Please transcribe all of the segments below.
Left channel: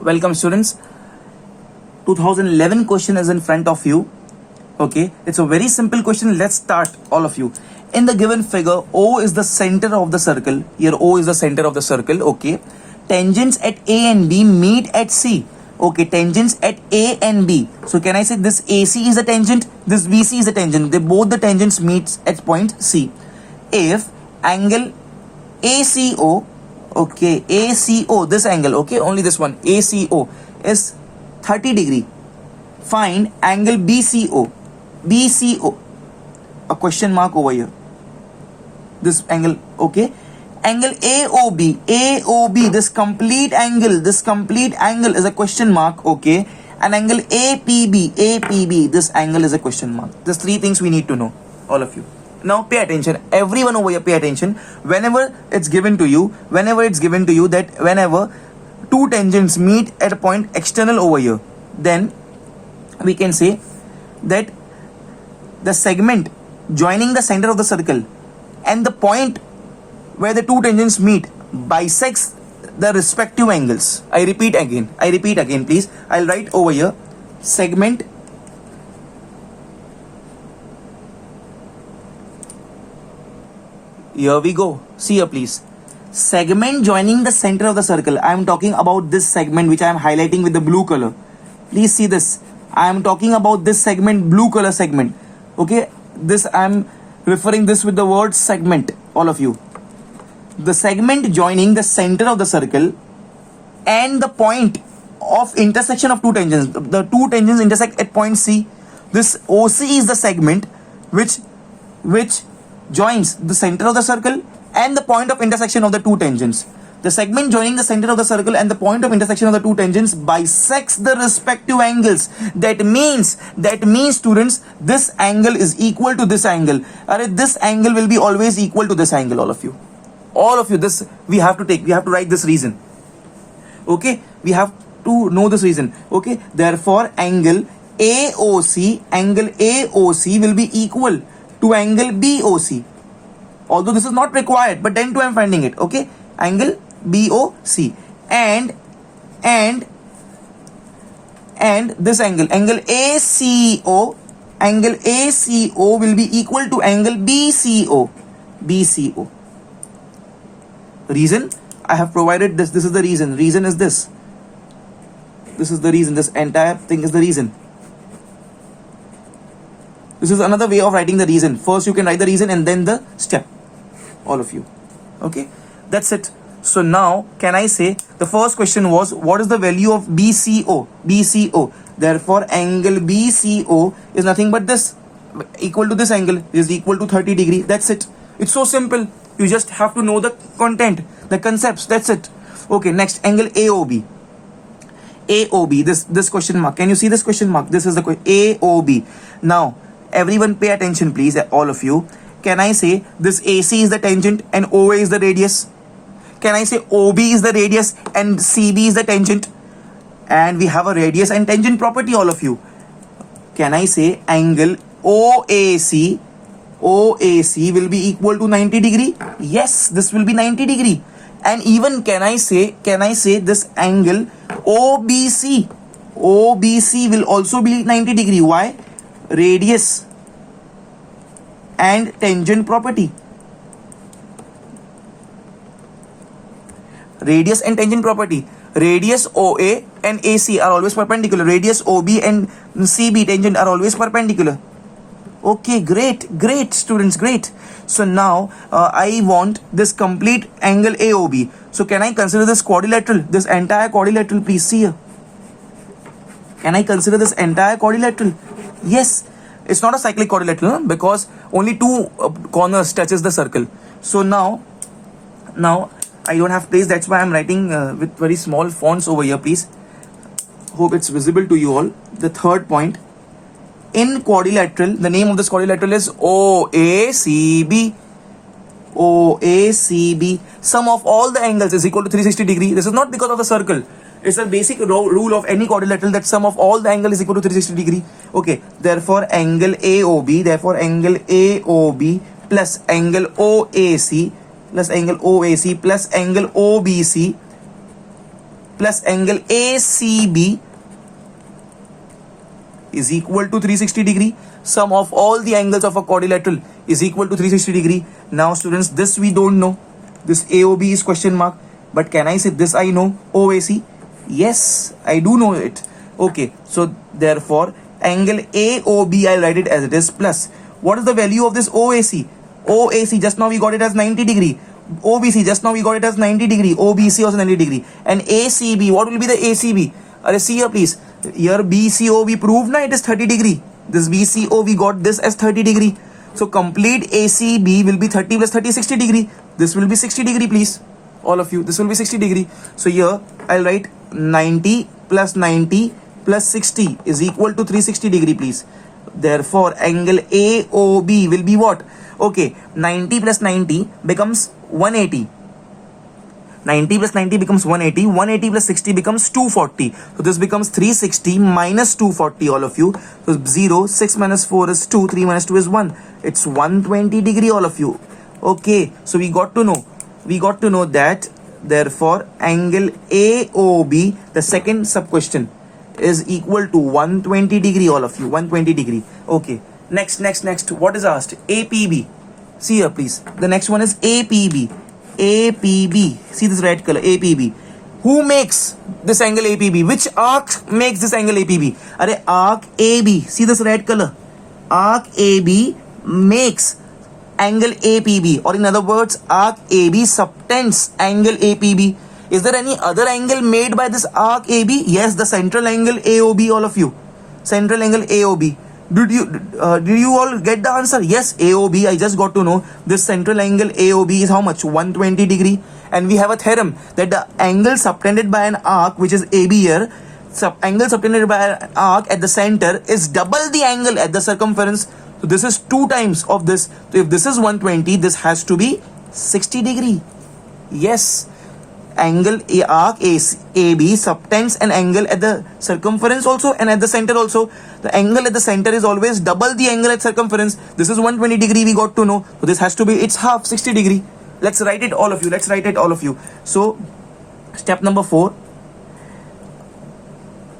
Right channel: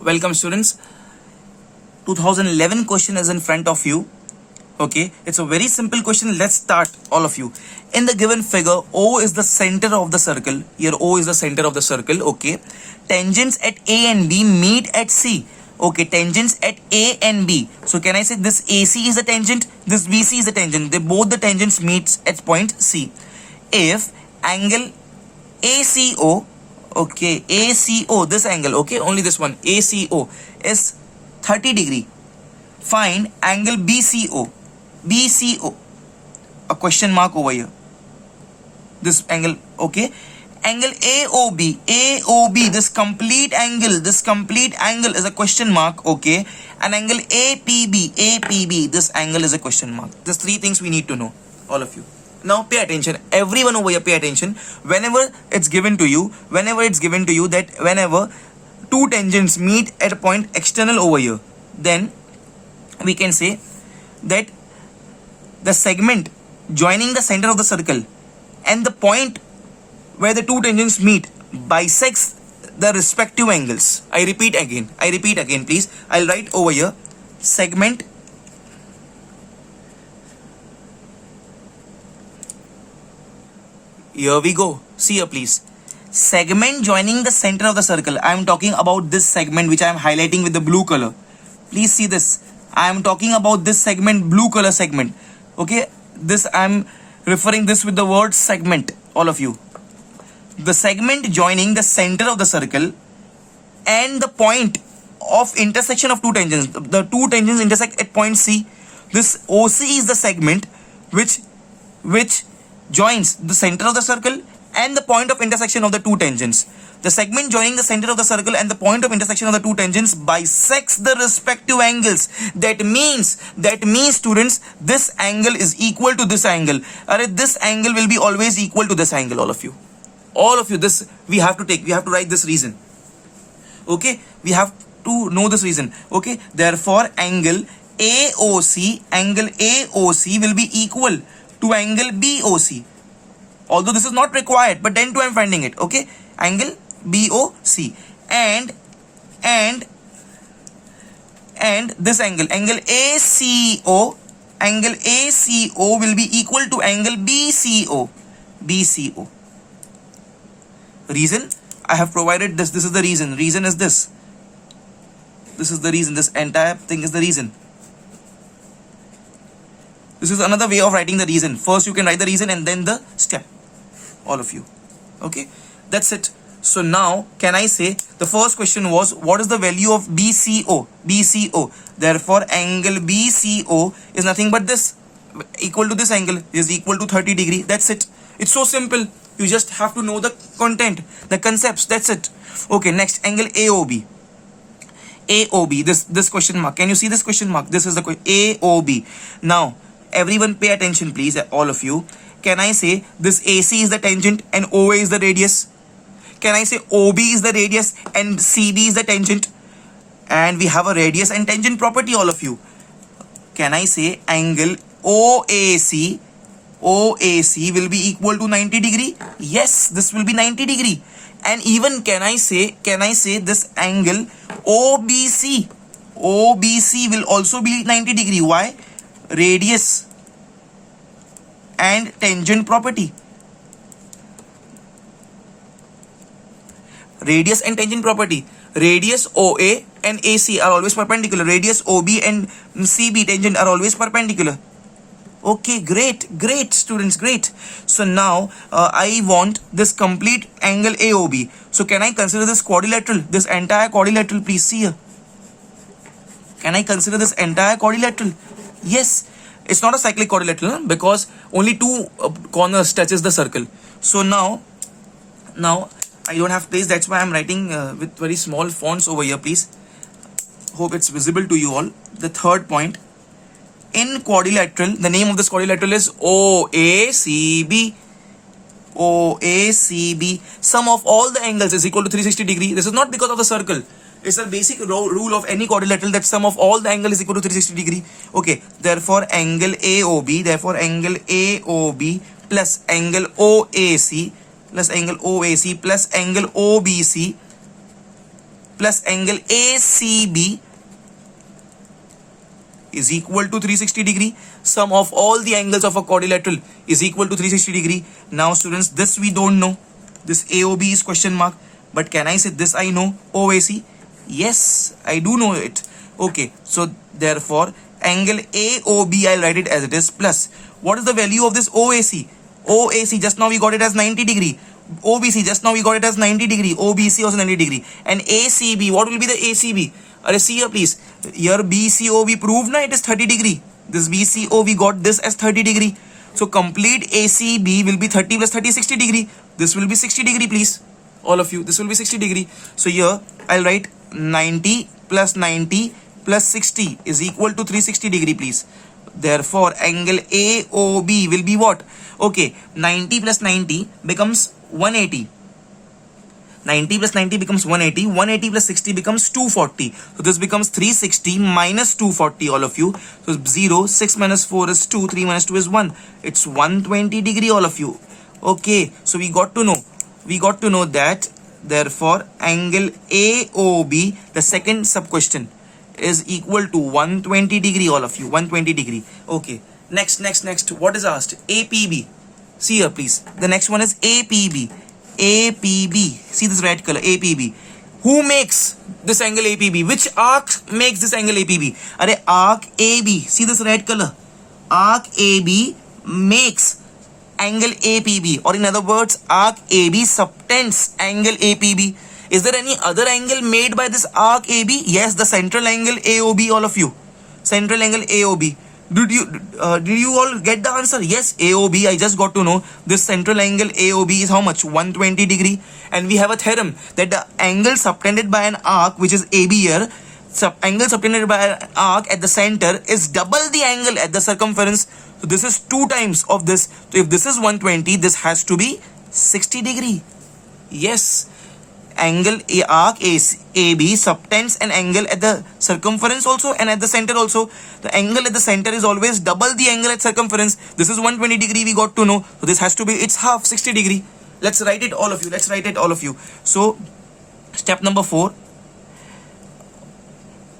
Welcome students. 2011 question is in front of you. Okay, it's a very simple question. Let's start, all of you. In the given figure, O is the center of the circle. Here O is the center of the circle. Okay, tangents at A and B meet at C. Okay, tangents at A and B. So can I say this AC is a tangent, this BC is a tangent. They both the tangents meets at point C. If angle ACO, okay, ACO, this angle, okay, only this one, ACO is 30 degree. Find angle BCO. BCO, a question mark over here. This angle, okay. Angle AOB, AOB, this complete angle is a question mark, okay. And angle APB, APB, this angle is a question mark. There's three things we need to know, all of you. Now pay attention, everyone over here pay attention. Whenever it's given to you that whenever two tangents meet at a point external over here, then we can say that the segment joining the center of the circle and the point where the two tangents meet bisects the respective angles. I repeat again please. I'll write over here segment here we go. See here please. Segment joining the center of the circle. I am talking about this segment which I am highlighting with the blue color. Please see this. I am talking about this segment, blue color segment. Okay, this I am referring this with the word segment, all of you. The segment joining the center of the circle and the point of intersection of two tangents. The two tangents intersect at point C. This OC is the segment which joins the center of the circle and the point of intersection of the two tangents. The segment joining the center of the circle and the point of intersection of the two tangents bisects the respective angles. That means students, this angle is equal to this angle. This angle will be always equal to this angle, all of you. This we have to write this reason. Okay, we have to know this reason. Okay, therefore angle AOC will be equal to angle BOC. Although this is not required, but then too I am finding it. Okay, angle BOC and this angle ACO will be equal to angle BCO. Reason, I have provided this is the reason is this is the reason. This entire thing is the reason. This is another way of writing the reason. First you can write the reason and then the step, all of you. Okay, that's it. So now can I say the first question was what is the value of BCO? Therefore angle BCO is nothing but this, equal to this angle, is equal to 30 degree. That's it. It's so simple. You just have to know the content, the concepts. That's it. Okay, next angle AOB. This question mark. Can you see this question mark? This is the AOB. Now everyone pay attention please, all of you. Can I say this AC is the tangent and OA is the radius? Can I say OB is the radius and CB is the tangent? And we have a radius and tangent property, all of you. Can I say angle OAC will be equal to 90 degree? Yes, this will be 90 degree. And even can I say this angle OBC will also be 90 degree. Why? Radius and tangent property. Radius OA and AC are always perpendicular. Radius OB and CB tangent are always perpendicular. Okay, great students, great. So now I want this complete angle AOB. So can I consider this quadrilateral, this entire quadrilateral? Please see here. Can I consider this entire quadrilateral? Yes. It's not a cyclic quadrilateral because only two corners touches the circle. So now I don't have place, that's why I'm writing with very small fonts over here, please. Hope it's visible to you all. The third point, in quadrilateral, the name of this quadrilateral is OACB. Sum of all the angles is equal to 360 degree. This is not because of the circle. It's a basic rule of any quadrilateral that sum of all the angle is equal to 360 degree. Okay, therefore angle AOB plus angle OAC plus angle OBC plus angle ACB is equal to 360 degree. Sum of all the angles of a quadrilateral is equal to 360 degree. Now students, this we don't know. This AOB is question mark. But can I say this I know? OAC? Yes, I do know it. Okay, so therefore angle AOB, I'll write it as it is, plus what is the value of this OAC? OAC, just now we got it as 90 degree. OBC, just now we got it as 90 degree. OBC also 90 degree. And ACB, what will be the ACB? See here please. Here BCO we proved na, it is 30 degree. This BCO we got this as 30 degree. So complete ACB will be 30 plus 30, 60 degree. This will be 60 degree please. All of you, this will be 60 degree. So here I'll write 90 plus 90 plus 60 is equal to 360 degree please. Therefore angle AOB will be what? Okay, 90 plus 90 becomes 180. 90 plus 90 becomes 180. 180 plus 60 becomes 240. So this becomes 360 minus 240, all of you. So 0, 6 minus 4 is 2, 3 minus 2 is 1. It's 120 degree, all of you. Okay, so we got to know that therefore angle AOB, the second sub question, is equal to 120 degree, all of you. 120 degree. Okay, next, what is asked? APB. See here please, the next one is APB. APB, see this red color, APB. Who makes this angle APB? Which arc makes this angle APB? Arc AB, see this red color, arc AB makes angle APB, or in other words, arc AB subtends angle APB. Is there any other angle made by this arc AB? Yes, the central angle AOB, all of you. Central angle AOB. Did you all get the answer? Yes, AOB. I just got to know this central angle AOB is how much? 120 degree. And we have a theorem that the angle subtended by an arc, which is AB here, angle subtended by an arc at the center is double the angle at the circumference. So this is 2 times of this. So if this is 120, this has to be 60 degree. Yes. Angle arc AB subtends an angle at the circumference also and at the center also. The angle at the center is always double the angle at circumference. This is 120 degree, we got to know. So this has to be, it's half, 60 degree. Let's write it, all of you. So step number 4.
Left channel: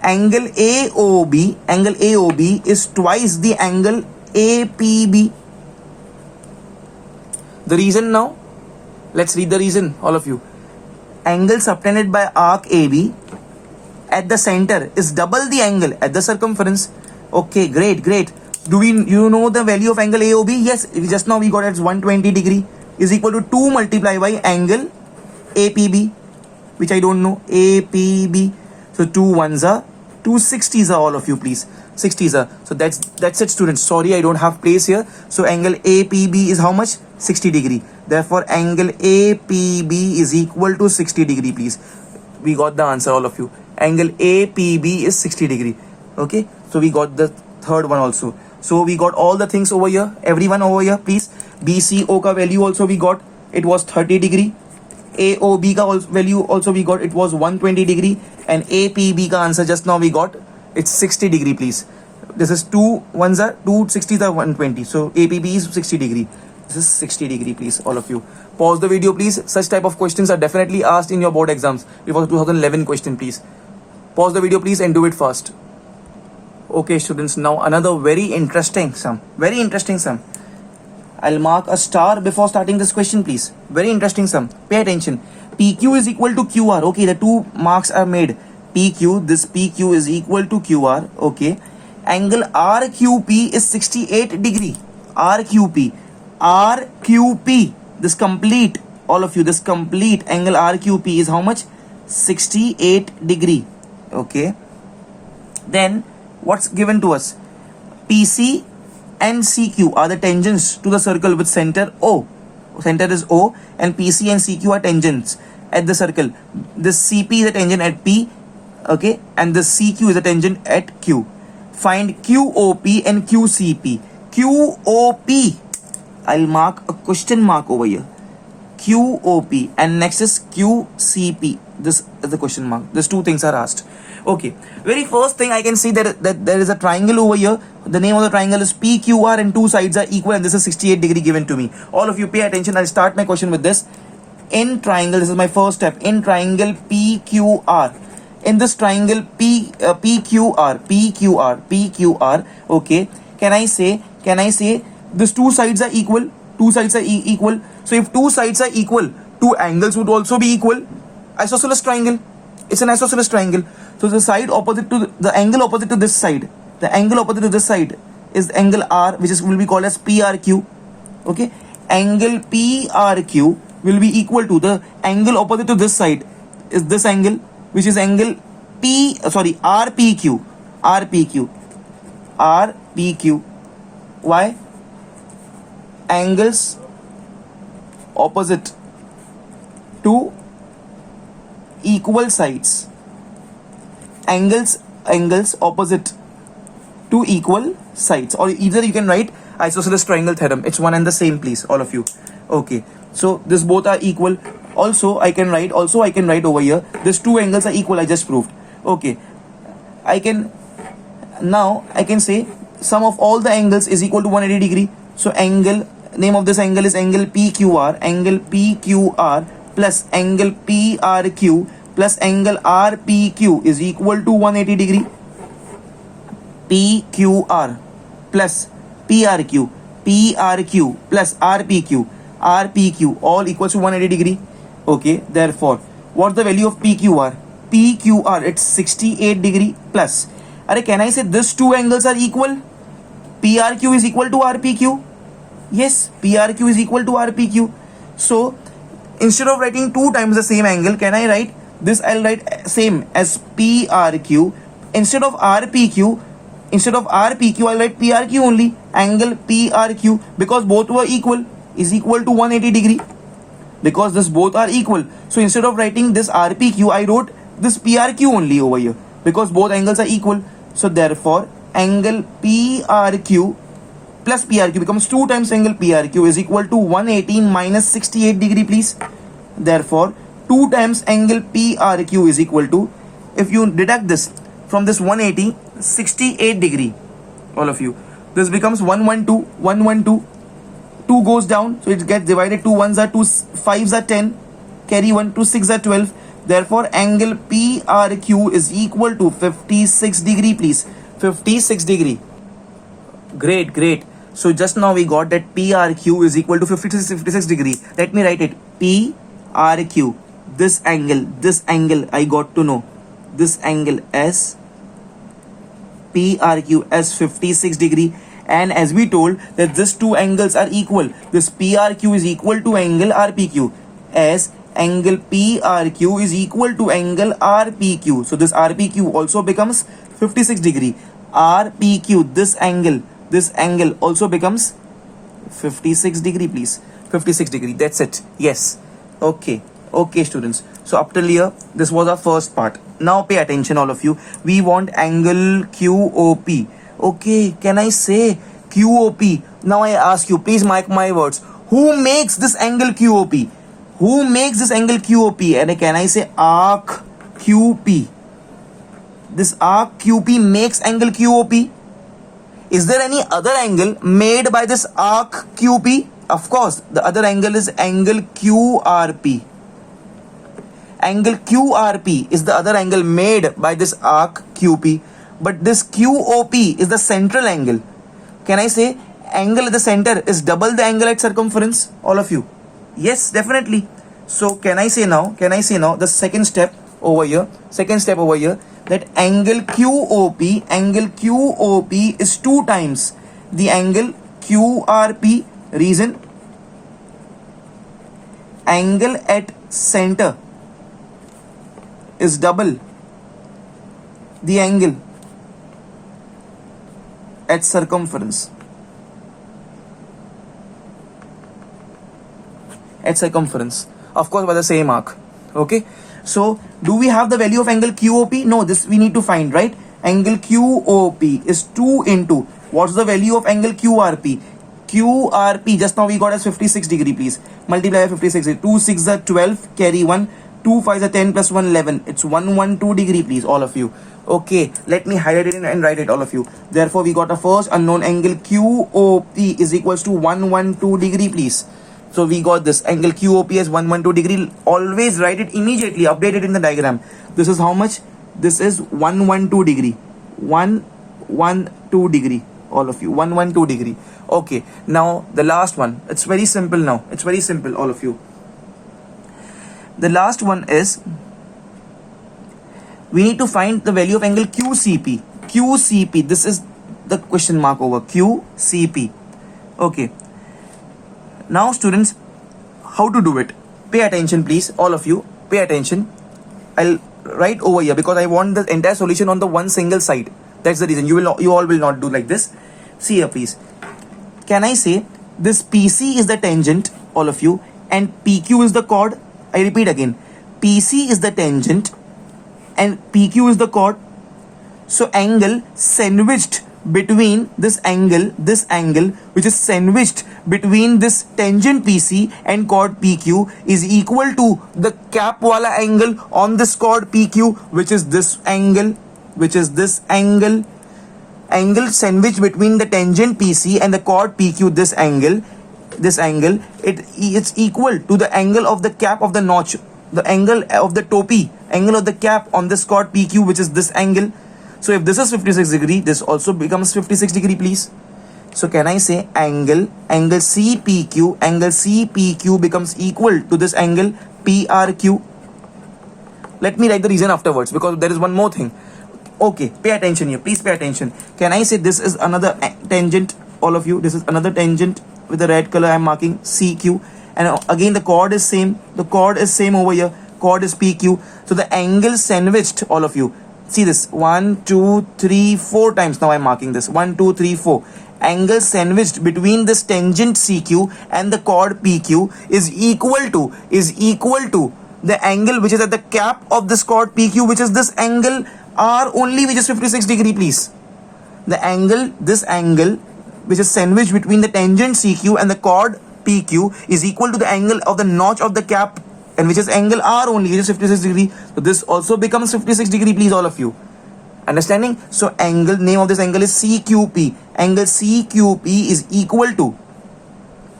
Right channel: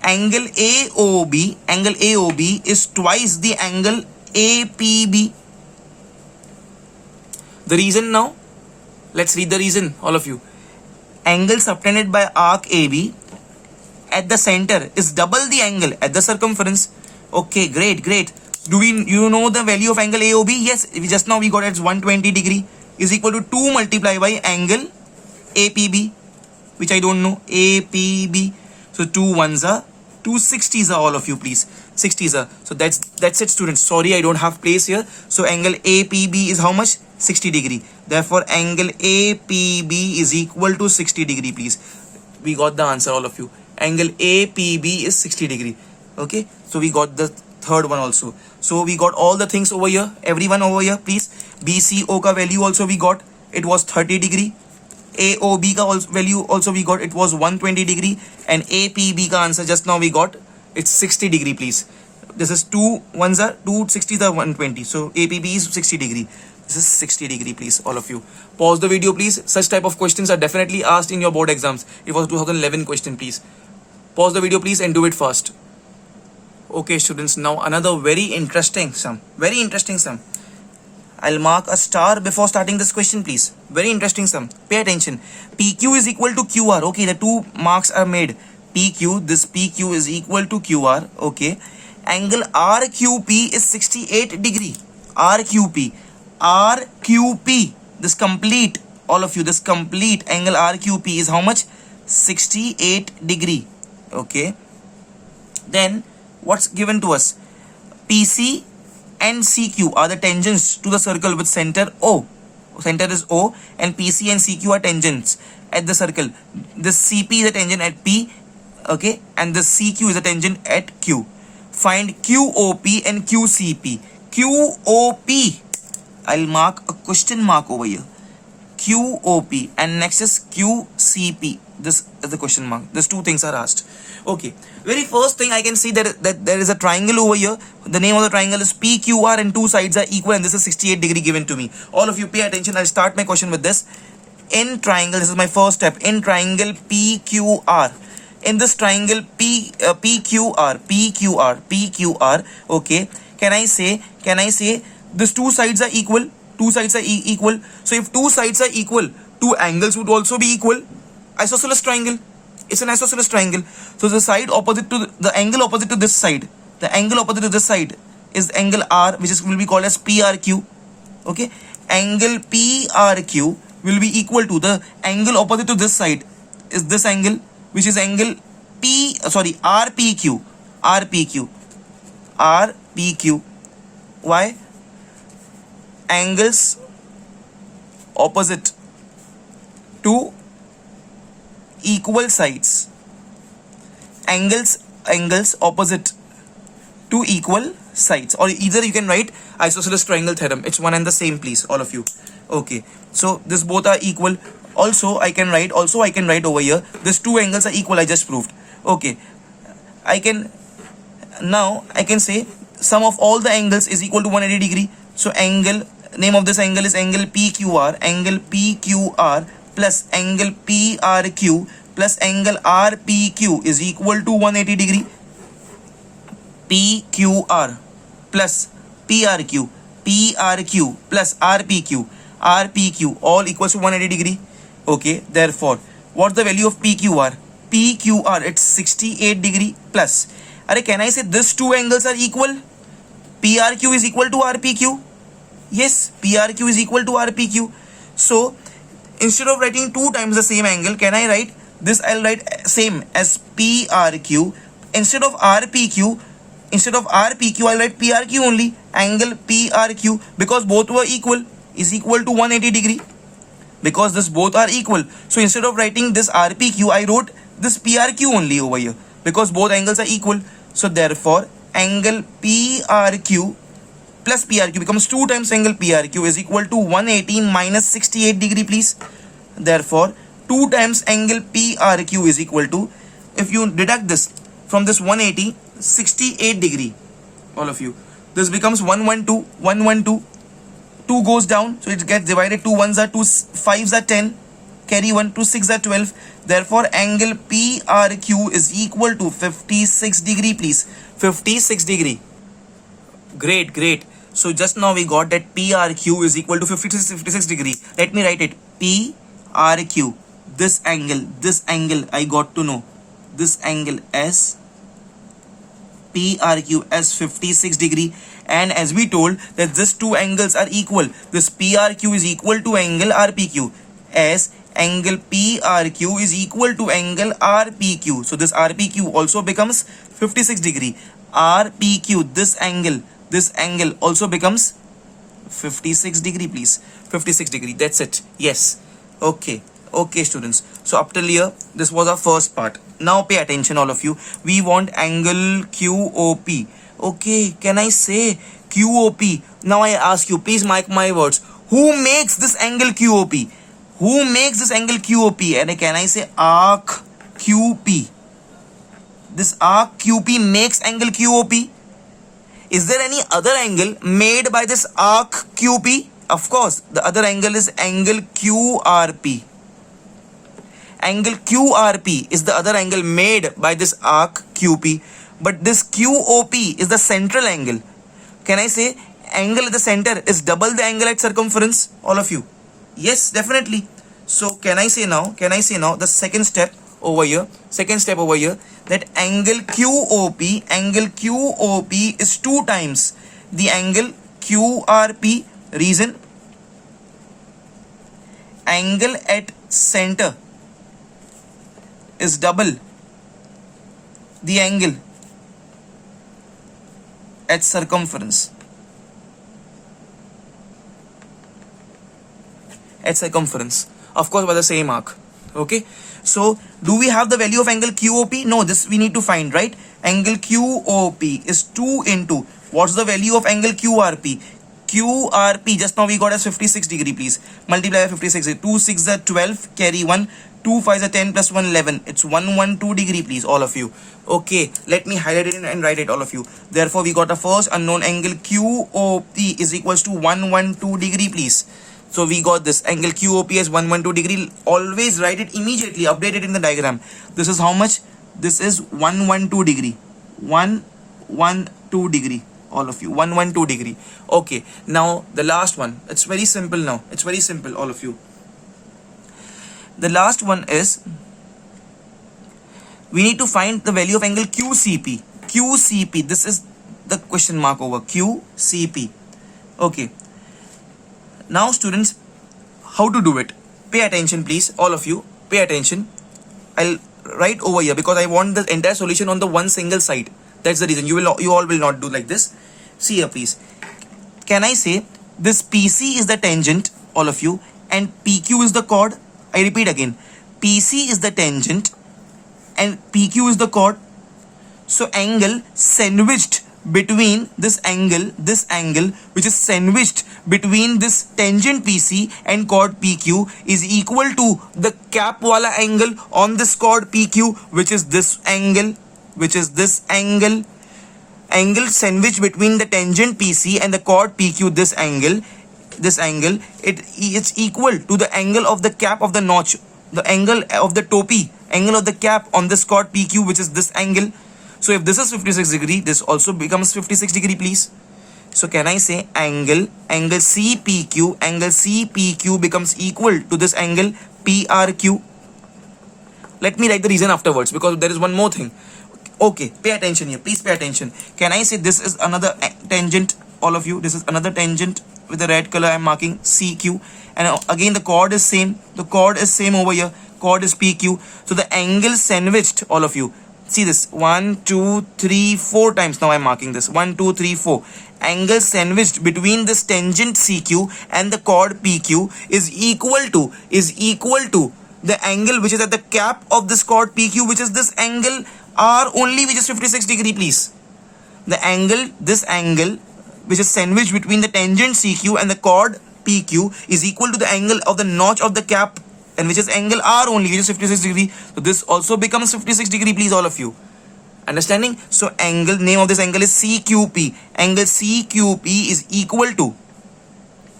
Angle AOB is twice the angle APB. The reason now? Let's read the reason, all of you. Angle subtended by arc AB at the center is double the angle at the circumference. Okay, great. Do you know the value of angle AOB? Yes, just now we got it 120 degree is equal to 2 multiplied by angle APB, which I don't know, APB. So 2 1s are 2 60s are, all of you please. 60s are. So that's it students. Sorry, I don't have place here. So angle APB is how much? 60 degree. Therefore angle APB is equal to 60 degree please. We got the answer, all of you. Angle APB is 60 degree. Okay, so we got the third one also. So we got all the things over here. Everyone over here please. BCO ka value also we got, it was 30 degree. AOB ka value also we got, it was 120 degree. And APB ka answer just now we got, it's 60 degree please. This is 2 1s are 2 60s are 120. So APB is 60 degree. This is 60 degree please, all of you. Pause the video please. Such type of questions are definitely asked in your board exams. It was 2011 question please. Pause the video please and do it fast. Okay students, now another very interesting sum. I'll mark a star before starting this question please. Very interesting sum. Pay attention. PQ is equal to QR. Okay, the 2 marks are made. PQ, this PQ is equal to QR. Okay. Angle RQP is 68 degree. RQP, this complete, all of you, this complete angle RQP is how much? 68 degree. Okay. Then what's given to us? PC and CQ are the tangents to the circle with center O. Center is O, and PC and CQ are tangents at the circle. This CP is a tangent at P, okay, and this CQ is a tangent at Q. Find QOP and QCP. QOP, I'll mark a question mark over here. QOP, and next is QCP. This is the question mark. These 2 things are asked. Okay, very first thing I can see that there is a triangle over here. The name of the triangle is PQR and 2 sides are equal, and this is 68 degree given to me. All of you pay attention. I'll start my question with this. In triangle, this is my first step. In triangle PQR, in this triangle PQR, okay, can I say these two sides are equal? Two sides are equal. So if two sides are equal, two angles would also be equal. Isosceles triangle. It's an isosceles triangle. So the side opposite to the angle opposite to this side, the angle opposite to this side is angle R, which will be called as PRQ. Okay, angle PRQ will be equal to the angle opposite to this side is this angle, which is angle RPQ. Why? Angles opposite to equal sides. Angles opposite to equal sides, or either you can write isosceles triangle theorem. It's one and the same, please, all of you. Okay, so this both are equal. Also I can write over here, these two angles are equal. I just proved. Okay, I can say sum of all the angles is equal to 180 degree. So name of this angle is angle PQR plus angle PRQ plus angle RPQ is equal to 180 degree. PQR plus PRQ plus RPQ all equals to 180 degree. Okay, therefore what's the value of PQR? It's 68 degree plus. Can I say these two angles are equal? PRQ is equal to RPQ. Yes, PRQ is equal to RPQ. So instead of writing two times the same angle, can I write this? I'll write same as PRQ. Instead of RPQ, I'll write PRQ only. Angle PRQ, because both were equal, is equal to 180 degree. Because this both are equal, so instead of writing this RPQ, I wrote this PRQ only over here, because both angles are equal. So therefore angle PRQ plus PRQ becomes 2 times angle PRQ is equal to 180 minus 68 degree, please. Therefore 2 times angle PRQ is equal to, if you deduct this from this 180, 68 degree, all of you, this becomes 112. 2 goes down, so it gets divided. 2 1s are 2, 5s are 10, carry 1, 2 6 are 12. Therefore angle PRQ is equal to 56 degree, please. 56 degree. Great. So just now we got that PRQ is equal to 56 degree. Let me write it. PRQ, this angle I got to know, this angle as PRQ as 56 degree. And as we told that these two angles are equal, this PRQ is equal to angle RPQ, as angle PRQ is equal to angle RPQ. So this RPQ also becomes 56 degree. RPQ, this angle also becomes 56 degree, please. 56 degree, that's it. Yes. Okay students, so up till here this was our first part. Now pay attention, all of you. We want angle QOP. Okay, can I say QOP? Now I ask you, please mark my words, who makes this angle QOP? And can I say arc QP? This arc QP makes angle QOP. Is there any other angle made by this arc QP? Of course, the other angle is angle QRP. Angle QRP is the other angle made by this arc QP. But this QOP is the central angle. Can I say angle at the center is double the angle at circumference, all of you? Yes, definitely. So can I say now the second step over here, that angle QOP is 2 times the angle QRP. Reason? Angle at center is double the angle at circumference. Of course, by the same arc. Okay, so do we have the value of angle QOP? No, this we need to find, right? Angle QOP is 2 into, what's the value of angle QRP? QRP just now we got as 56 degree, please. Multiply by 56. 2 6s are 12, carry 1. 2 5s are 10 plus 1 11. It's 112 degree, please, all of you. Okay, let me highlight it and write it, all of you. Therefore we got a first unknown angle QOP is equals to 112 degree, please. So we got this angle QOP as 112 degree. Always write it immediately, update it in the diagram. This is how much? This is 112 degree. 112 degree, all of you. 112 degree. Okay, now the last one. It's very simple now. It's very simple, all of you. The last one is, we need to find the value of angle QCP. QCP, this is the question mark over QCP. Okay. Now students, how to do it? Pay attention please, all of you. Pay attention. I'll write over here because I want the entire solution on the one single side. That's the reason. You all will not do like this. See here please. Can I say this PC is the tangent, all of you, and PQ is the chord? I repeat again. PC is the tangent and PQ is the chord. So angle sandwiched between this angle which is sandwiched between this tangent PC and chord PQ is equal to the cap wala angle on this chord PQ, which is this angle, angle sandwiched between the tangent PC and the chord PQ, this angle, it's equal to the angle of the cap of the notch, the angle of the topi, angle of the cap on this chord PQ, which is this angle. So if this is 56 degree, this also becomes 56 degree please. So can I say angle CPQ becomes equal to this angle PRQ? Let me write the reason afterwards because there is one more thing. Okay, pay attention here, please pay attention. Can I say this is another tangent, all of you? This is another tangent with the red color I'm marking, CQ, and again the chord is same. The chord is same over here. Chord is PQ. So the angle sandwiched, all of you. See this, 1, 2, 3, 4 times. Now I'm marking this 1, 2, 3, 4. Angle sandwiched between this tangent CQ and the chord PQ is equal to the angle which is at the cap of this chord PQ, which is this angle R only, which is 56 degree please. The angle, this angle which is sandwiched between the tangent CQ and the chord PQ is equal to the angle of the notch of the cap, and which is angle R only, which is 56 degree. So this also becomes 56 degree please, all of you. Understanding? So angle, name of this angle is CQP. Angle CQP is equal to,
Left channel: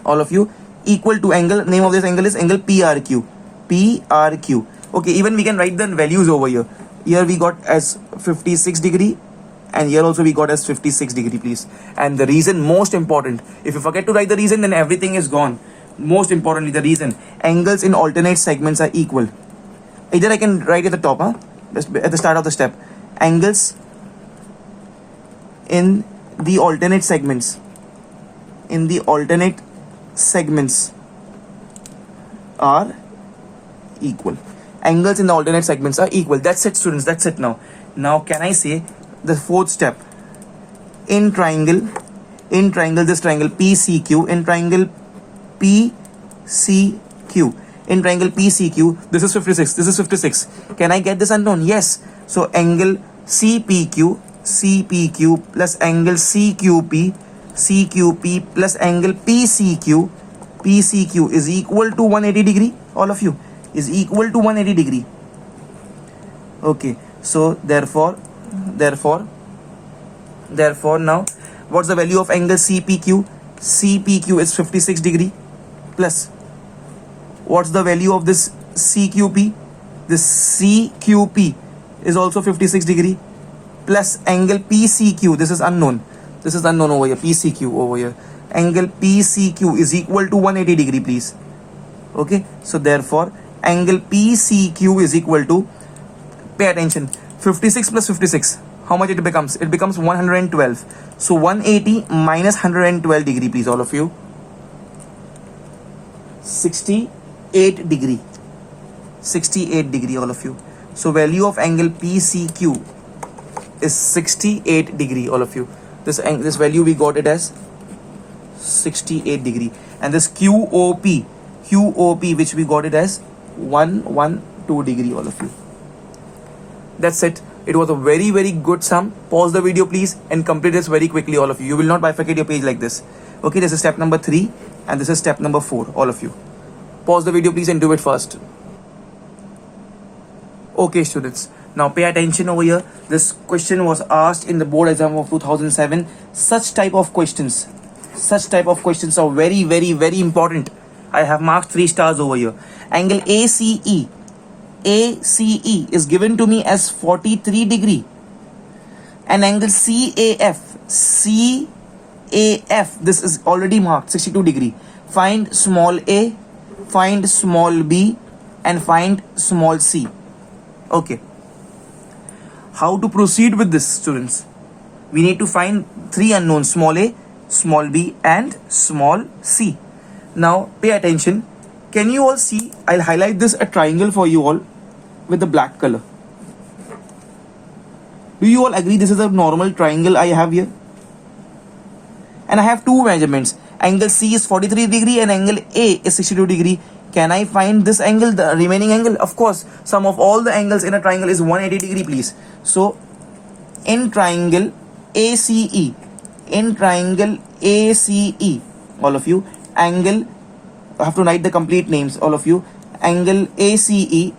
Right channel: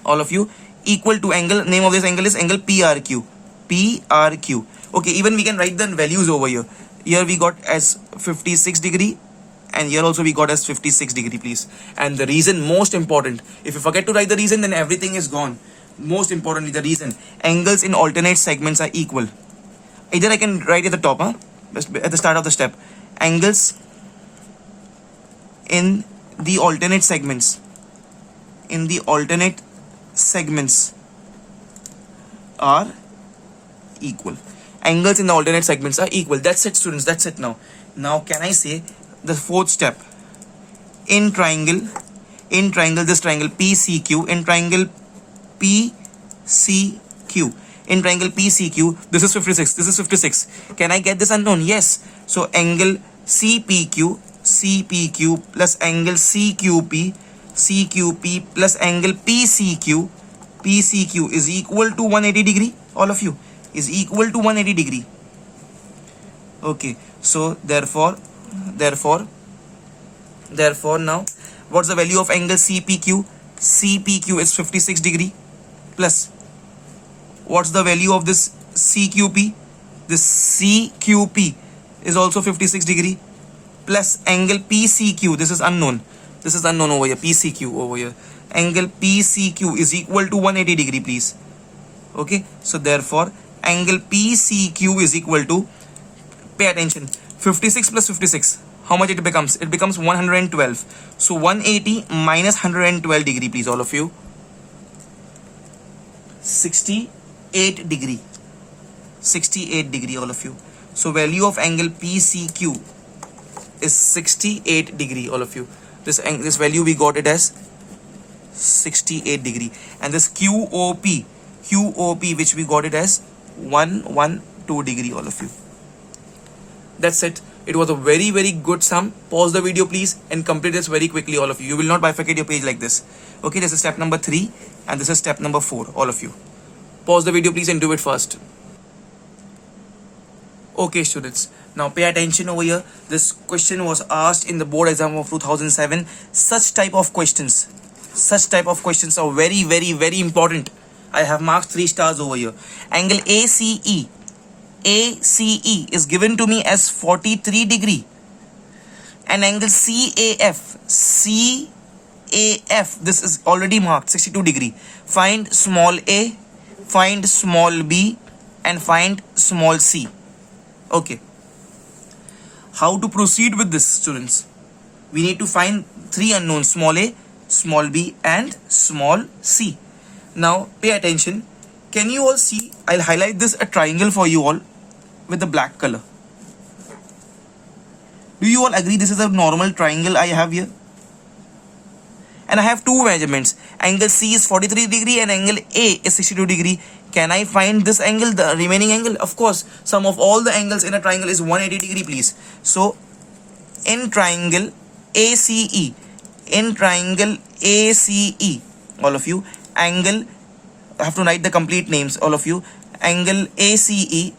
all of you, equal to angle, name of this angle is angle PRQ. PRQ. Okay, even we can write the values over here. Here we got as 56 degree and here also we got as 56 degree please. And the reason, most important, if you forget to write the reason, then everything is gone. Most importantly, the reason, angles in alternate segments are equal. Either I can write at the top, just at the start of the step. Angles in the alternate segments, are equal. Angles in the alternate segments are equal. That's it students, that's it now. Now can I say the fourth step? In triangle, this triangle PCQ, in triangle PCQ, this is 56, this is 56. Can I get this unknown? Yes. So angle CPQ plus angle CQP plus angle PCQ is equal to 180 degree, all of you, is equal to 180 degree. Okay, so therefore now what's the value of angle CPQ? CPQ is 56 degree plus what's the value of this CQP? This CQP is also 56 degree plus angle PCQ, this is unknown over here, PCQ over here, angle PCQ is equal to 180 degree please. Okay, so therefore angle PCQ is equal to, pay attention, 56 plus 56, how much it becomes? It becomes 112. So 180 minus 112 degree please, all of you, 68 degree, all of you. So value of angle PCQ is 68 degree, all of you. This value we got it as 68 degree, and this QOP which we got it as 112 degree, all of you. That's it. It was a very good sum. Pause the video please and complete this very quickly, all of you. You will not bifurcate your page like this. Okay, this is step number 3 and this is step number 4, all of you. Pause the video please and do it fast. Okay students, now pay attention over here. This question was asked in the board exam of 2007. Such type of questions are very important. I have marked 3 stars over here. Angle ACE ACE is given to me as 43 degree, and angle CAF, this is already marked 62 degree. Find small a, find small b, and find small c. Okay, how to proceed with this, students? We need to find three unknowns: small a, small b, and small c. Now pay attention. Can you all see? I'll highlight this a triangle for you all with the black color. Do you all agree this is a normal triangle I have here? And I have two measurements. Angle C is 43 degree and angle A is 62 degree. Can I find this angle, the remaining angle? Of course, sum of all the angles in a triangle is 180 degree, please. So in triangle ACE, all of you, angle, I have to write the complete names, all of you. Angle ACE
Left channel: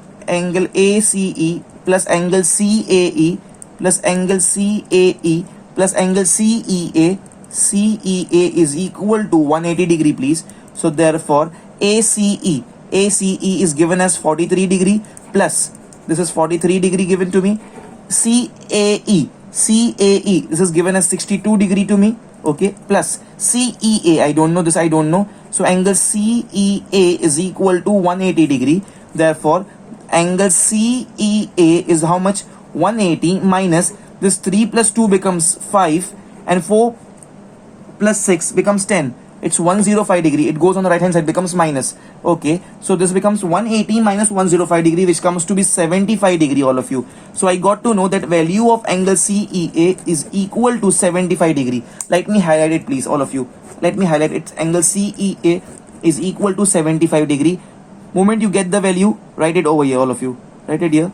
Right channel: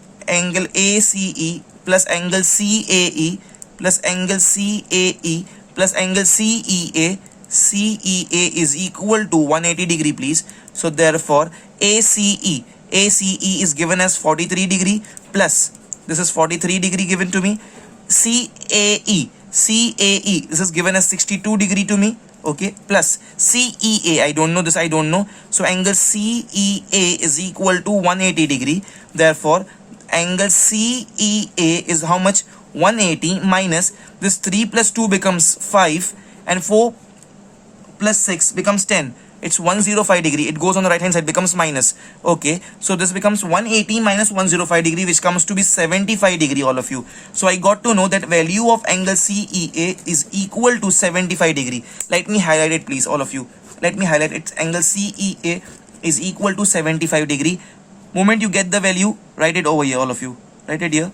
plus angle CAE plus angle CAE plus angle CEA is equal to 180 degree, please. So therefore ACE is given as 43 degree plus, this is 43 degree given to me. CAE this is given as 62 degree to me. Okay, plus CEA, I don't know this, I don't know. So angle CEA is equal to 180 degree. Therefore angle CEA is how much? 180 minus this 3 plus 2 becomes 5 and 4 plus 6 becomes 10. It's 105 degree. It goes on the right hand side, becomes minus. Okay, so this becomes 180 minus 105 degree, which comes to be 75 degree, all of you. So I got to know that value of angle CEA is equal to 75 degree. Let me highlight it, please, all of you. Let me highlight it. Angle CEA is equal to 75 degree. Moment you get the value, write it over here, all of you. Write it here.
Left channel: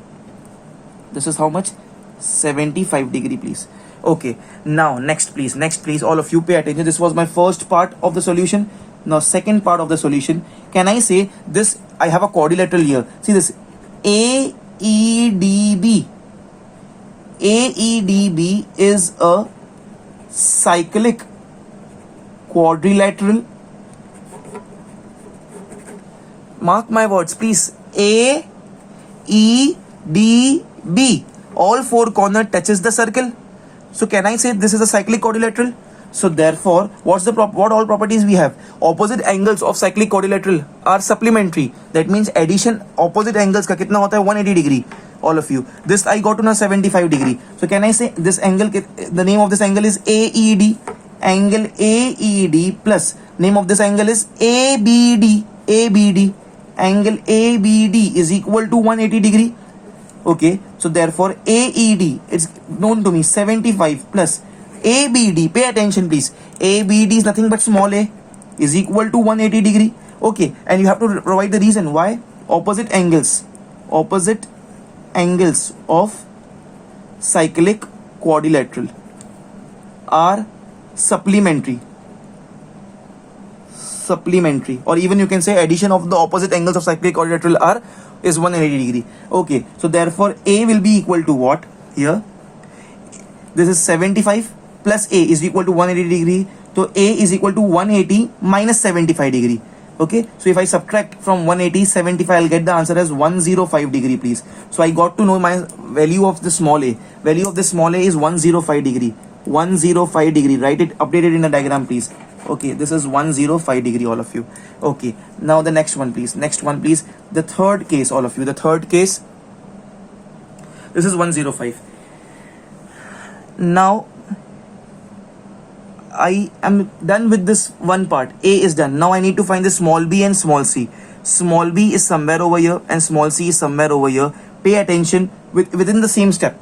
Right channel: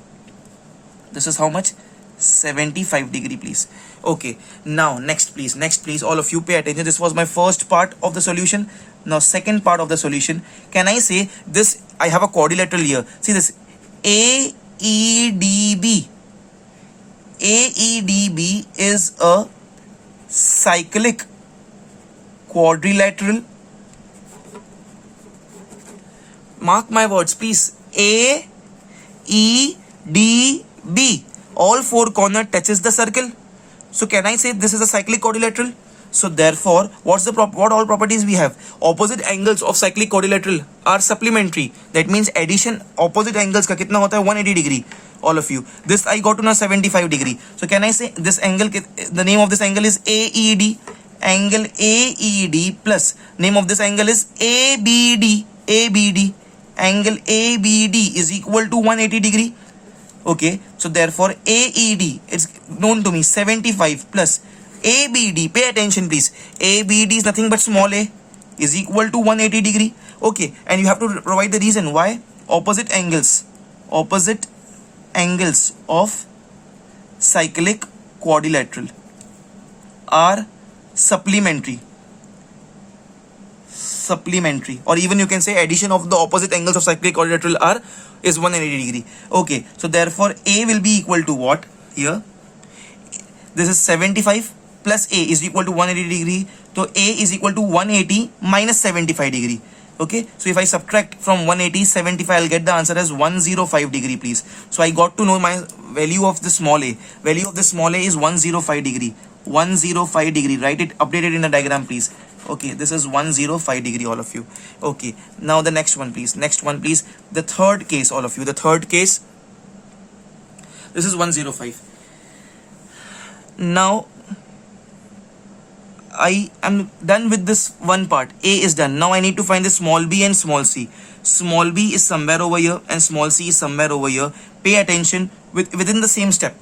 This is how much? 75 degree, please. Okay, now next please, all of you pay attention. This was my first part of the solution. Now second part of the solution. Can I say this? I have a quadrilateral here. See this AEDB is a cyclic quadrilateral. Mark my words, please. AEDB, all four corner touches the circle. So can I say this is a cyclic quadrilateral? So therefore, what all properties we have? Opposite angles of cyclic quadrilateral are supplementary. That means addition opposite angles का कितना होता है? 180 degree. All of you. This I got to know 75 degree. So can I say this angle? The name of this angle is AED. Angle AED plus name of this angle is ABD. Angle ABD is equal to 180 degree. Okay, so therefore AED is known to me 75 plus ABD, pay attention please, ABD is nothing but small a, is equal to 180 degree. Okay, and you have to provide the reason why. Opposite angles of cyclic quadrilateral are supplementary, or even you can say addition of the opposite angles of cyclic quadrilateral is 180 degree. Okay, so therefore A will be equal to what here? This is 75 plus A is equal to 180 degree. So A is equal to 180 minus 75 degree. Okay, so if I subtract from 180 75, I'll get the answer as 105 degree, please. So I got to know my value of the small a. Value of the small a is 105 degree. 105 degree. Write it, update it in the diagram, please. Okay, this is 105 degree, all of you. Okay, now the next one, please. The third case, all of you. The third case, this is 105. Now I am done with this one part. A is done. Now I need to find the small b and small c. Small b is somewhere over here and small c is somewhere over here. Pay attention within the same step.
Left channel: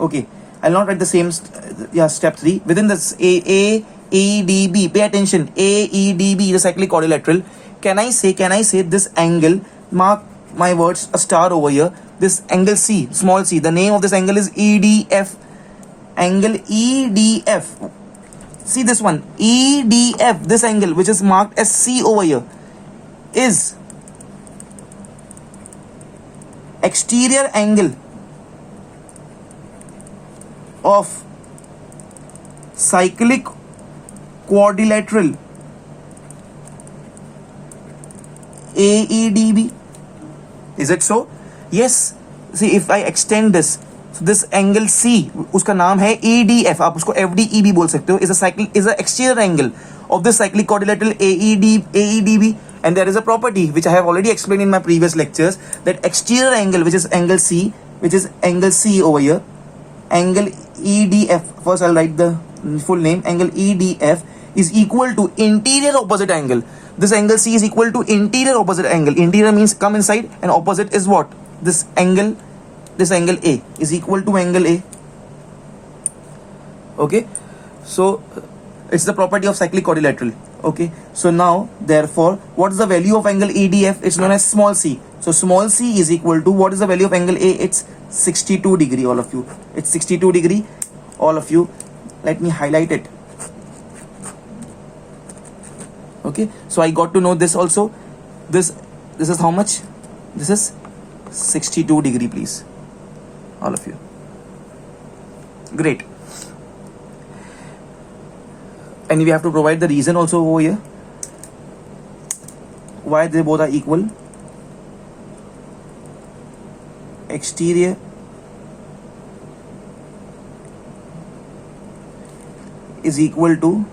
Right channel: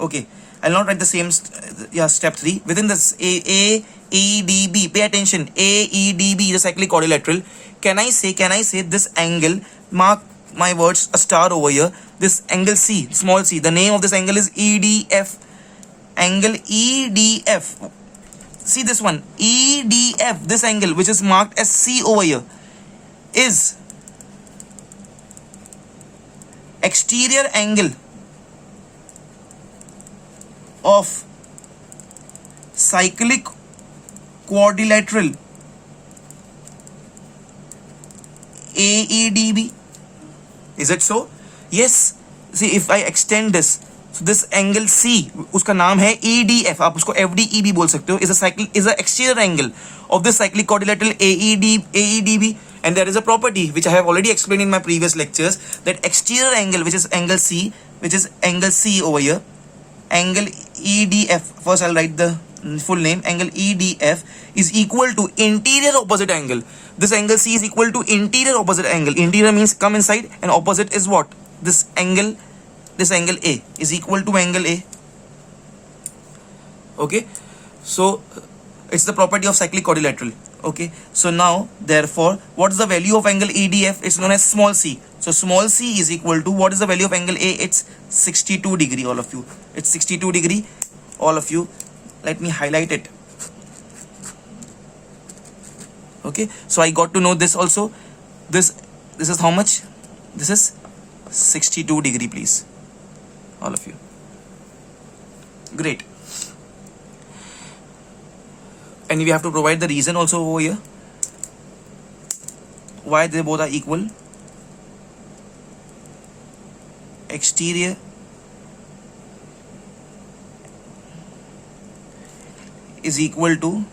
Okay, I'll not write the same step 3. Within this AEDB, pay attention. AEDB is a cyclic quadrilateral. Can I say this angle, mark my words, a star over here, this angle C, small c, the name of this angle is EDF. Angle EDF, see this one, EDF, this angle which is marked as C over here, is exterior angle of cyclic quadrilateral AEDB. Is it so? yes, see if I extend this, so this angle C, उसका नाम है EDF, आप उसको FDE भी बोल सकते हो, is a exterior angle of the cyclic quadrilateral AEDB, and there is a property which I have already explained in my previous lectures, that exterior angle, which is angle C over here, angle EDF, first I'll write the full name, angle EDF is equal to interior opposite angle. This angle C is equal to interior opposite angle. Interior means come inside, and opposite is what? This angle A is equal to angle A. Okay, so it's the property of cyclic quadrilateral. Okay, so now therefore what is the value of angle EDF? It's known as small c. So small c is equal to, what is the value of angle A? It's 62 degree, all of you. It's 62 degree, all of you. Let me highlight it. Okay, so I got to know this also. This is how much? This is 62 degree, please, all of you. Great. And we have to provide the reason also over here why they both are equal. Exterior is equal to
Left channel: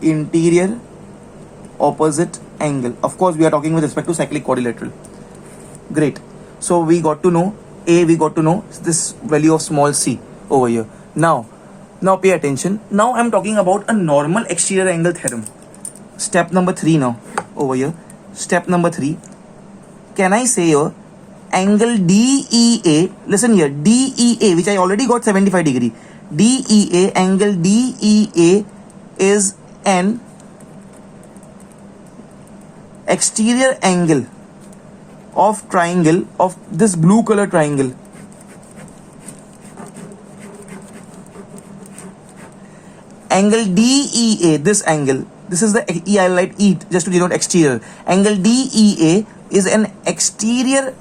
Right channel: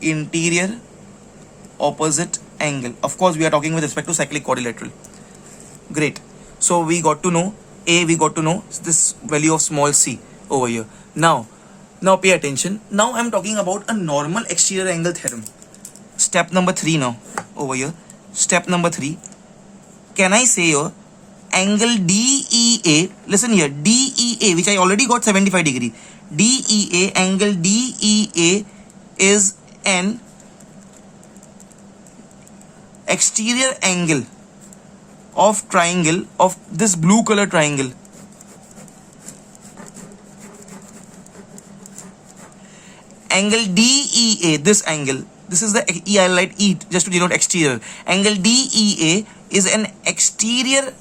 interior opposite angle. Of course, we are talking with respect to cyclic quadrilateral. Great. So we got to know A, we got to know this value of small c over here. Now pay attention. Now I'm talking about a normal exterior angle theorem. Step number 3 now over here. Step number 3. Can I say here angle DEA, listen here, DEA, which I already got 75 degree. DEA, angle DEA is an exterior angle of triangle, of this blue color triangle. Angle DEA, this angle, this is the E, I write E just to denote exterior. Angle DEA is an exterior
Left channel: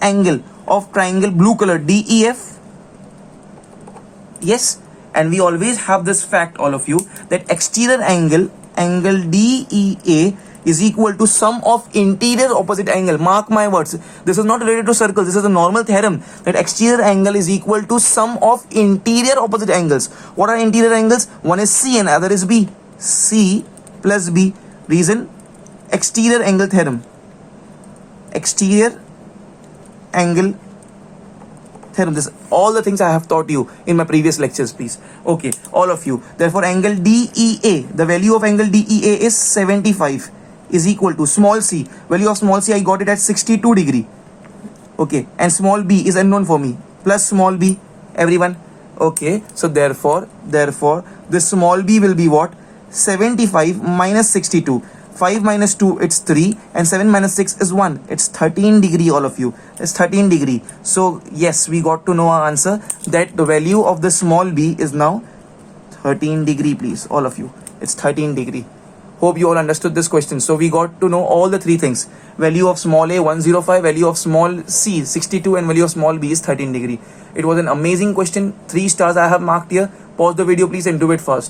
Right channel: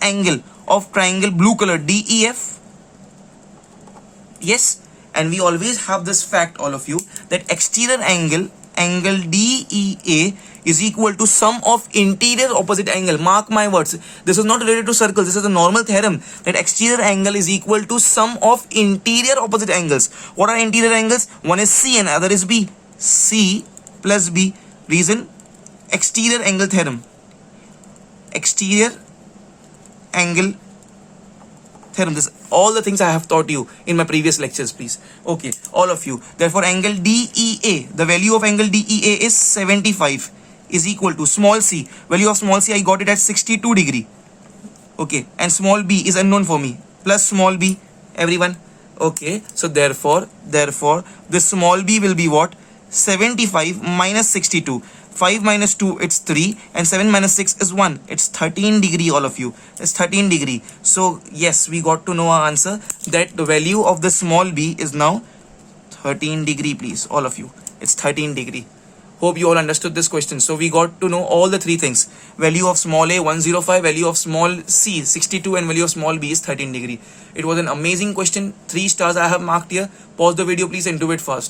angle of triangle blue color DEF. Yes, and we always have this fact, all of you, that exterior angle DEA is equal to sum of interior opposite angle. Mark my words, this is not related to circle, this is a normal theorem, that exterior angle is equal to sum of interior opposite angles. What are interior angles? One is C and other is B. C plus B. Reason? Exterior angle theorem. Exterior angle theorem. This all the things I have taught you in my previous lectures, please. Okay, all of you. Therefore, angle DEA, the value of angle DEA is 75, is equal to small c. Value of small c, I got it at 62 degree. Okay, and small b is unknown for me. Plus small b, everyone. Okay, so therefore, this small b will be what? 75 minus 62. 5 minus 2, it's 3, and 7 minus 6 is 1. It's 13 degree, all of you. It's 13 degree. So yes, we got to know our answer, that the value of the small b is now 13 degree, please, all of you. It's 13 degree. Hope you all understood this question. So we got to know all the three things. Value of small a 105, value of small c 62, and value of small b is 13 degree. It was an amazing question. 3 stars I have marked here. Pause the video, please, and do it fast.